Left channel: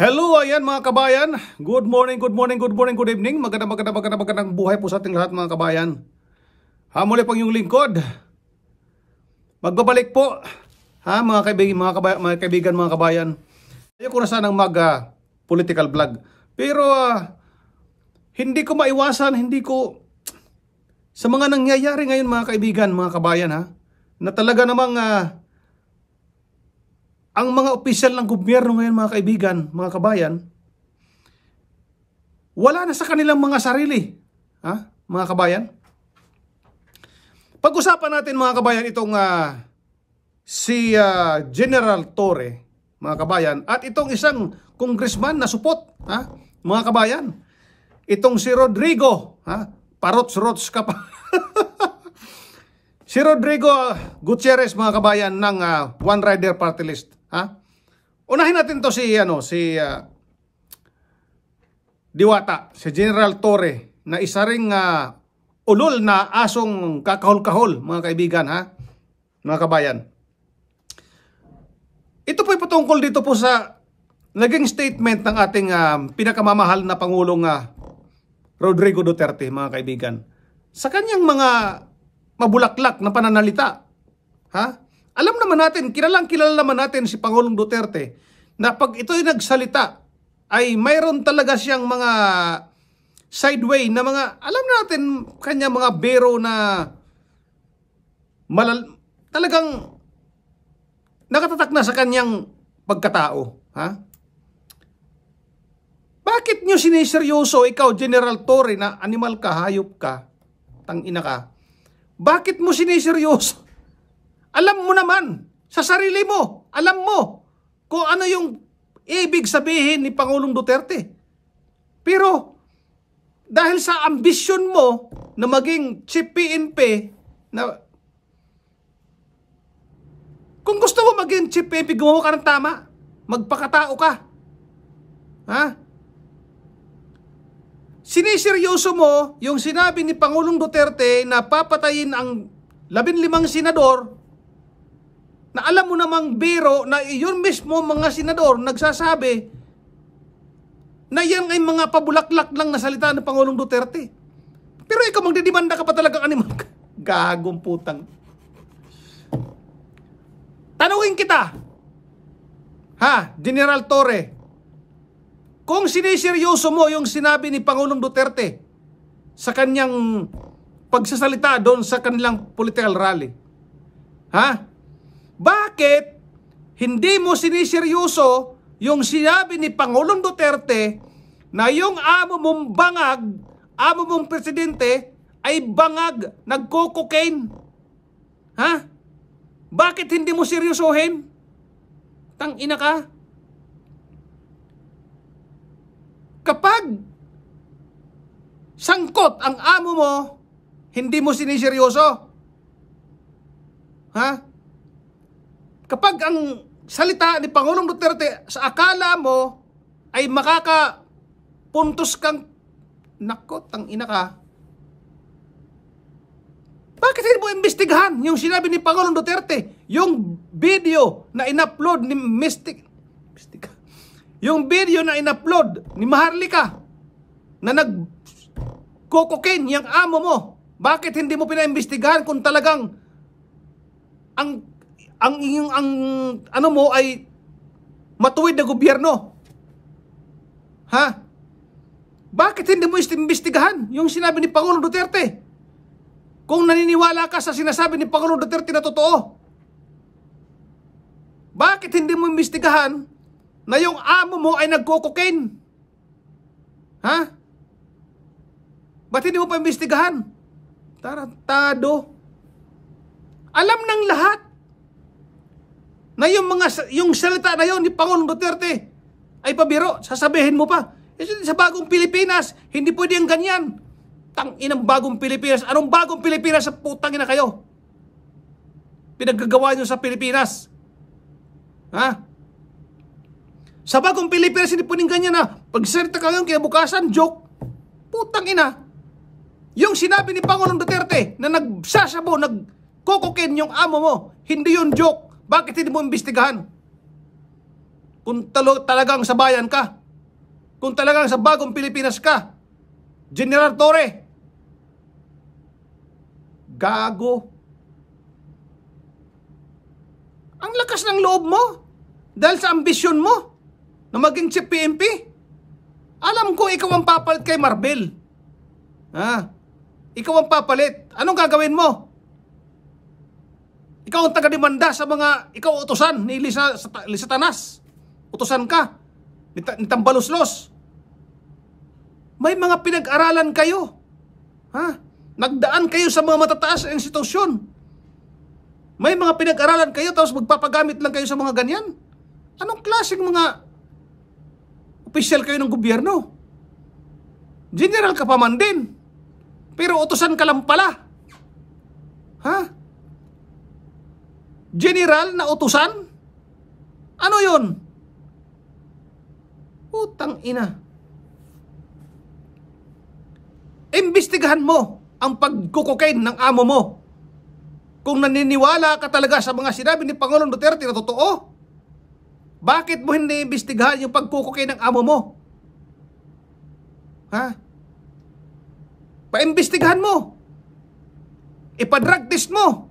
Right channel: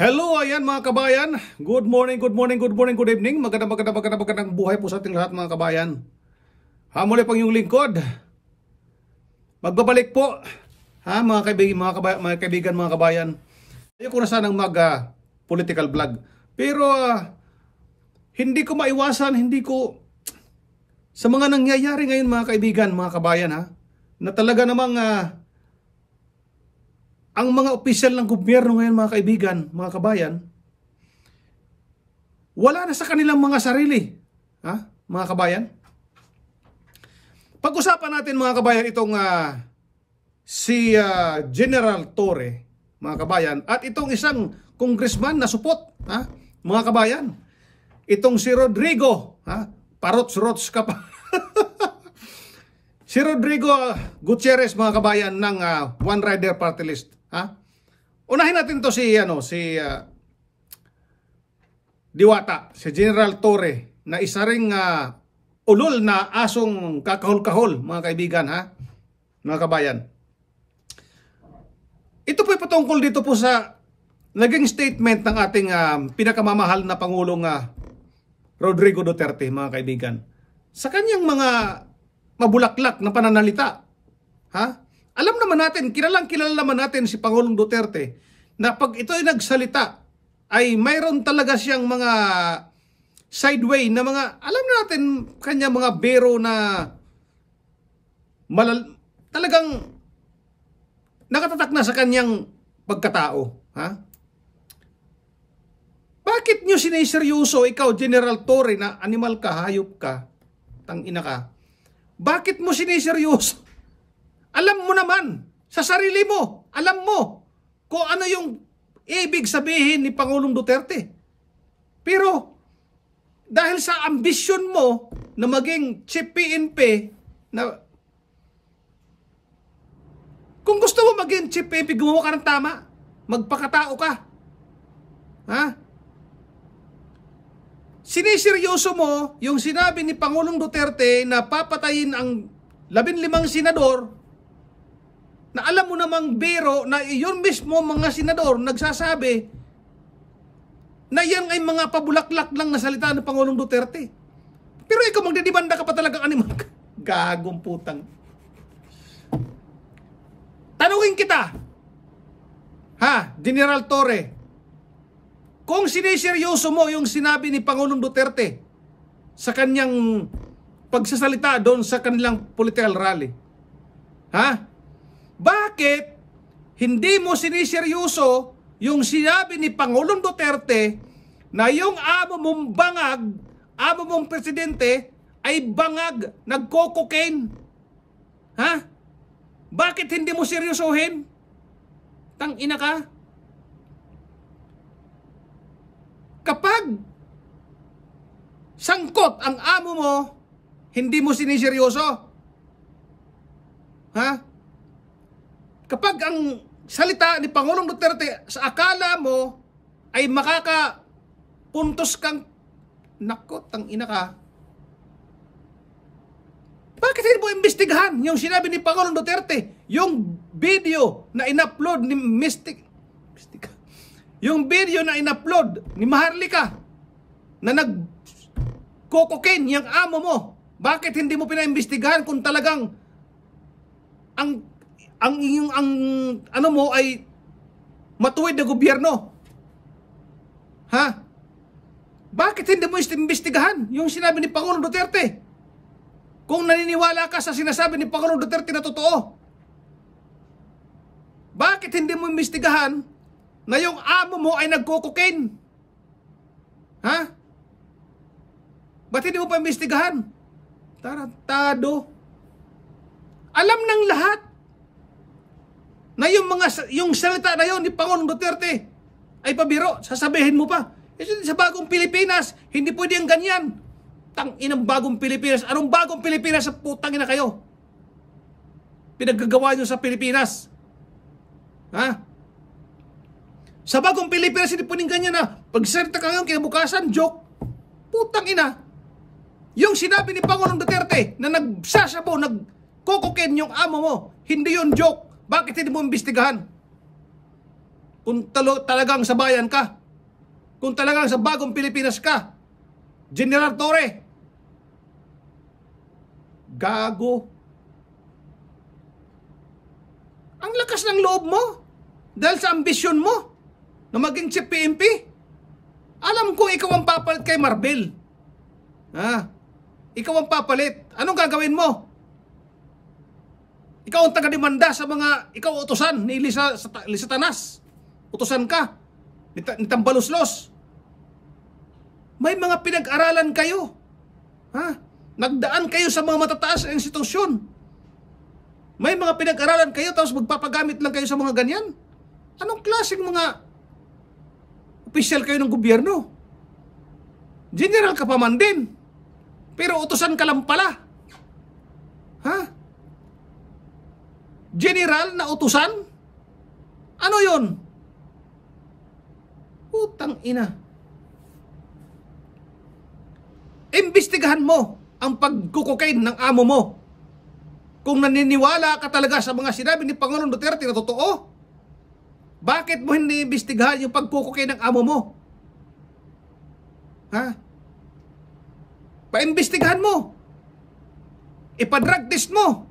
Hello, ayan mga kabayan. Good morning, good evening. Magandang buhay po sa ating lahat mga kabayan. Muli pang yung lingkod. Magbabalik po. Mga kaibigan, mga kabayan. Ayoko na sanang political vlog. Pero hindi ko maiwasan, sa mga nangyayari ngayon mga kaibigan, mga kabayan na talaga namang ang mga opisyal ng gobyerno ngayon mga kaibigan, mga kabayan, wala na sa kanilang mga sarili. Mga kabayan? Pag-usapan natin mga kabayan itong si General Torre, mga kabayan, at itong isang congressman na supot, mga kabayan. Itong si Rodrigo, parots-rots ka pa. Si Rodrigo Gutierrez mga kabayan ng One Rider Party List. Unahin natin to si Diwata, si General Torre, na isa ring ulol na asong kakahol-kahol mga kaibigan, mga kabayan. Ito po patungkol dito po sa naging statement ng ating pinakamamahal na Pangulong Rodrigo Duterte mga kaibigan. Sa kanyang mga mabulaklak na pananalita. Alam naman natin, kilala naman natin si Pangulong Duterte na pag ito ay nagsalita ay mayroon talaga siyang mga sideway na mga, alam natin kanya mga bero na talagang nakatatak na sa kanyang pagkatao. Bakit nyo siniseryoso ikaw, General Torre, na animal ka, hayop ka, tangina ka? Bakit mo siniseryoso? Alam mo naman, sa sarili mo, alam mo kung ano yung ibig sabihin ni Pangulong Duterte. Pero dahil sa ambisyon mo na maging chief PNP, na kung gusto mo maging chief PNP, gumawa ka ng tama, magpakatao ka. Siniseryoso mo yung sinabi ni Pangulong Duterte na papatayin ang 15 senador, na alam mo namang biro na yun mismo mga senador nagsasabi na yan ay mga pabulaklak lang na salita ng Pangulong Duterte. Pero ikaw magdidimanda ka pa talagang animal. Gagong putang. Tanungin kita, General Torre, kung siniseryoso mo yung sinabi ni Pangulong Duterte sa kanyang pagsasalita doon sa kanilang political rally, bakit hindi mo siniseryoso yung sinabi ni Pangulong Duterte na yung amo mong presidente ay bangag, nagko-cocaine? Bakit hindi mo seryosohin? Tangina ka. Kapag sangkot ang amo mo, hindi mo siniseryoso. Kapag ang salita ni Pangulong Duterte sa akala mo ay makakapuntos kang, nako, tangina ka. Bakit hindi mo imbestigahan yung sinabi ni Pangulong Duterte? Yung video na in-upload ni yung video na in-upload ni Maharlika na nag-cocaine yung amo mo. Bakit hindi mo pinaimbestigahan kung talagang ang ano mo ay matuwid na gobyerno? Bakit hindi mo imbestigahan yung sinabi ni Pangulong Duterte? Kung naniniwala ka sa sinasabi ni Pangulong Duterte na totoo, bakit hindi mo imbestigahan na yung amo mo ay nagko-cocaine? Ba't hindi mo pa imbestigahan? Tarantado. Alam ng lahat na yung salita na yun ni Pangulong Duterte ay pabiro. Sasabihin mo pa, sa bagong Pilipinas, hindi pwede ang ganyan. Tanginang bagong Pilipinas. Anong bagong Pilipinas? Sa putang ina kayo pinaggagawa nyo sa Pilipinas? Sa bagong Pilipinas, hindi pwedeng ganyan na pagsalita ka ngayon kaya bukasan, joke. Putang ina. Yung sinabi ni Pangulong Duterte na nagsasabo, nagko-cocaine yung amo mo, hindi yun joke. Bakit hindi mo imbestigahan? Kung talagang sa bayan ka. Kung talagang sa bagong Pilipinas ka. General Torre. Gago. Ang lakas ng loob mo. Dahil sa ambisyon mo na maging chief PNP. Alam ko ikaw ang papalit kay Marvel. Ikaw ang papalit. Anong gagawin mo? Ikaw ang taga-demanda sa mga, ikaw utusan ni Lisa Tanas. Utusan ka ni Tambaluslos. May mga pinag-aralan kayo. Nagdaan kayo sa mga matataas na institusyon. May mga pinag-aralan kayo tapos magpapagamit lang kayo sa mga ganyan. Anong klaseng mga opisyal kayo ng gobyerno? General ka pa man din. Pero utusan ka lang pala. General na utusan? Ano yun? Putang ina. Imbestigahan mo ang pagkukokain ng amo mo. Kung naniniwala ka talaga sa mga sinabi ni Pangulong Duterte na totoo, bakit mo hindi imbestigahan yung pagkukokain ng amo mo? Paimbestigahan mo. Ipadrag test mo.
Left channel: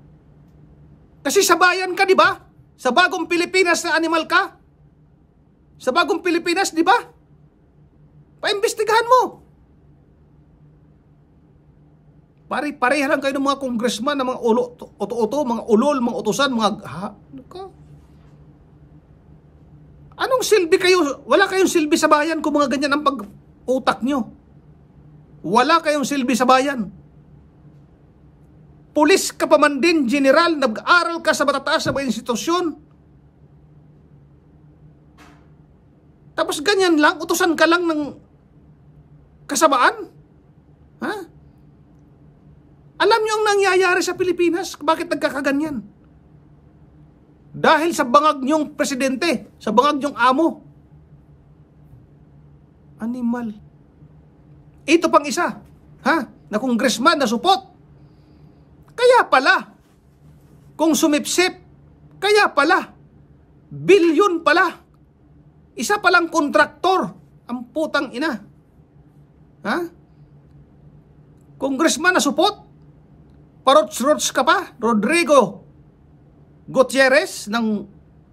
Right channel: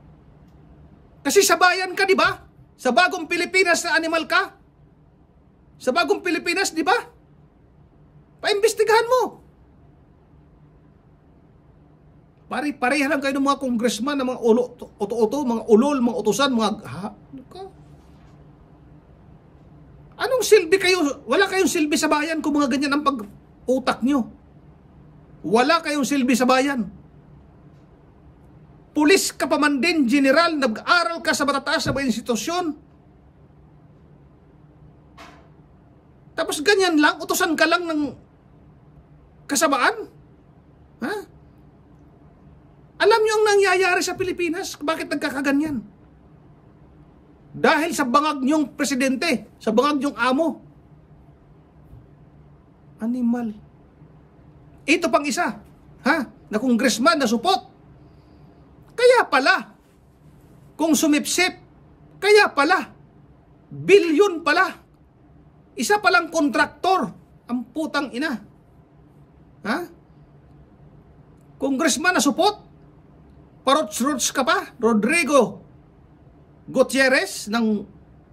Kasi sa bayan ka, di ba? Sa bagong Pilipinas na animal ka. Sa bagong Pilipinas, di ba? Paimbestigahan mo. Pare-pareha lang kayo ng mga congressman, ng mga uto-uto, mga ulol, mga utusan, mga... Anong silbi kayo? Wala kayong silbi sa bayan kung mga ganyan ang pag-utak nyo. Wala kayong silbi sa bayan. Pulis ka pa man din, general, nag-aral ka sa matataas na mga institusyon. Tapos ganyan lang, utusan ka lang ng kasamaan? Alam nyo ang nangyayari sa Pilipinas? Bakit nagkakaganyan? Dahil sa bangag nyong presidente, sa bangag nyong amo. Animal. Ito pang isa, na congressman na supot. Kaya pala, kung sumipsip, kaya pala, bilyon pala. Isa palang kontraktor, ang putang ina. Congressman na supot, parots-rots ka pa, Rodrigo Gutierrez ng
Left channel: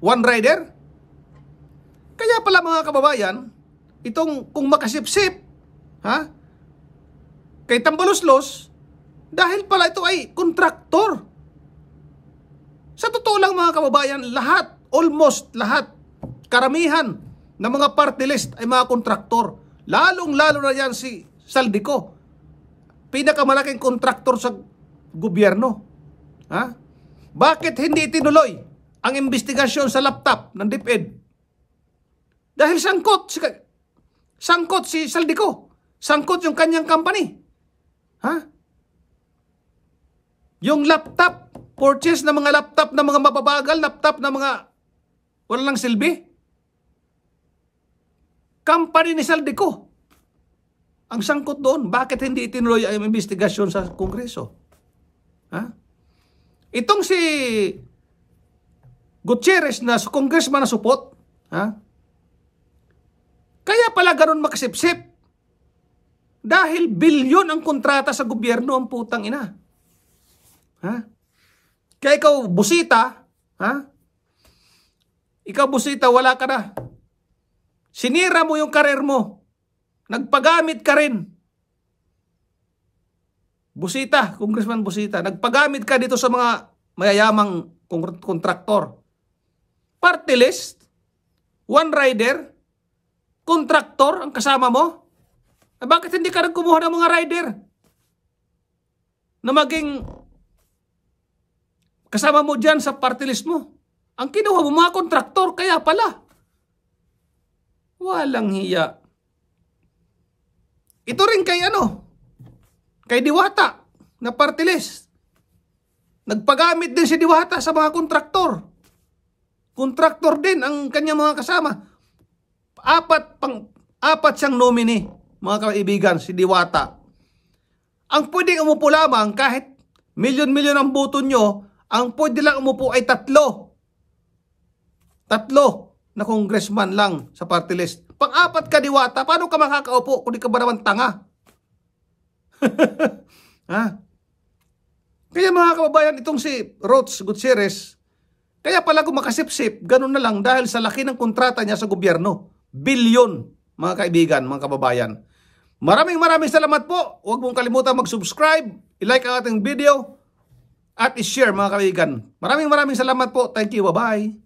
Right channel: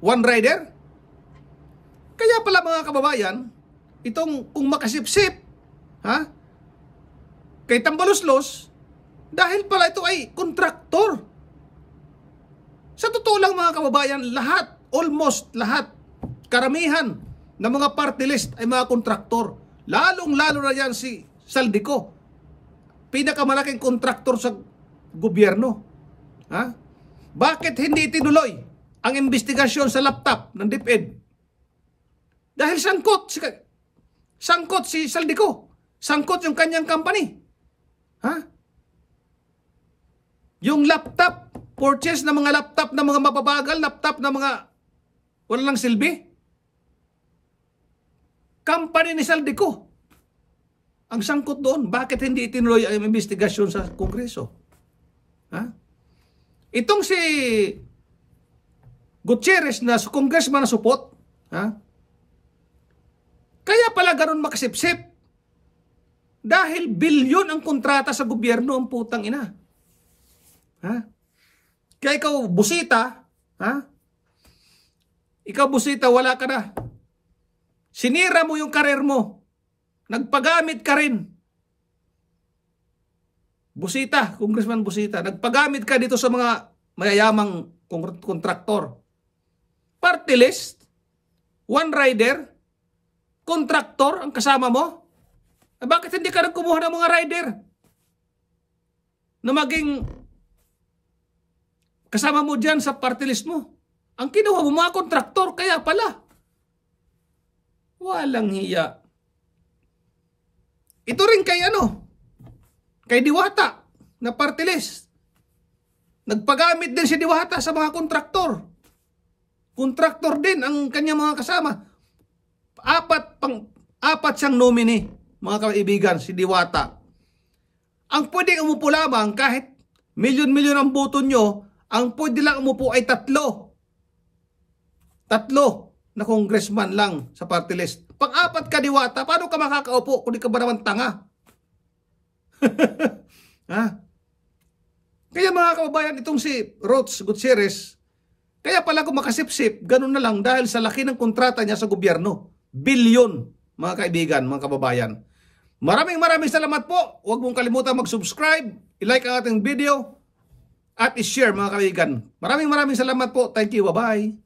One Rider. Kaya pala mga kababayan, itong kung makasipsip, kay Tambaluslos, dahil pala ito ay kontraktor. Sa totoo lang mga kababayan, lahat, almost lahat, karamihan ng mga party list ay mga kontraktor. Lalong-lalo na yan si Saldico. Pinakamalaking kontraktor sa gobyerno. Bakit hindi itinuloy ang investigasyon sa laptop ng DepEd? Dahil sangkot si Saldico. Sangkot yung kanyang company. Yung laptop, purchase ng mga laptop na mga mababagal, laptop na mga walang silbi. Company ni Saldico ang sangkot doon. Bakit hindi itinuloy ang investigasyon sa Kongreso? Itong si Gutierrez na congressman na supot, kaya pala ganun makasipsip. Dahil bilyon ang kontrata sa gobyerno, ang putang ina. Kaya ikaw, busita, ikaw, busita, wala ka na. Sinira mo yung karir mo. Nagpagamit ka rin. Busita, Congressman Busita, nagpagamit ka dito sa mga mayayamang kontraktor. Party list, One Rider, kontraktor ang kasama mo. Bakit hindi ka nagkumuha ng mga rider na maging kasama mo dyan sa party list mo? Ang kinuha mo mga kontraktor, kaya pala. Walang hiya. Ito rin kay Diwata na party list. Nagpagamit din si Diwata sa mga kontraktor. Kontraktor din ang kanyang mga kasama. Apat siyang nominee, mga kaibigan, si Diwata. Ang pwedeng umupo lamang kahit milyon-milyon ang boto nyo, ang pwede lang umupo ay tatlo. na congressman lang sa party list. Pang-apat ka diwata, paano ka makakaupo kung di ka ba naman tanga? Ha? Kaya mga kababayan, itong si Roch Gutierrez, kaya pala kung makasipsip, ganun na lang dahil sa laki ng kontrata niya sa gobyerno. Bilyon, mga kaibigan, mga kababayan. Maraming salamat po. Huwag mong kalimutan mag-subscribe, i-like ang ating video, at i-share mga kaibigan. Maraming salamat po. Thank you. Bye-bye.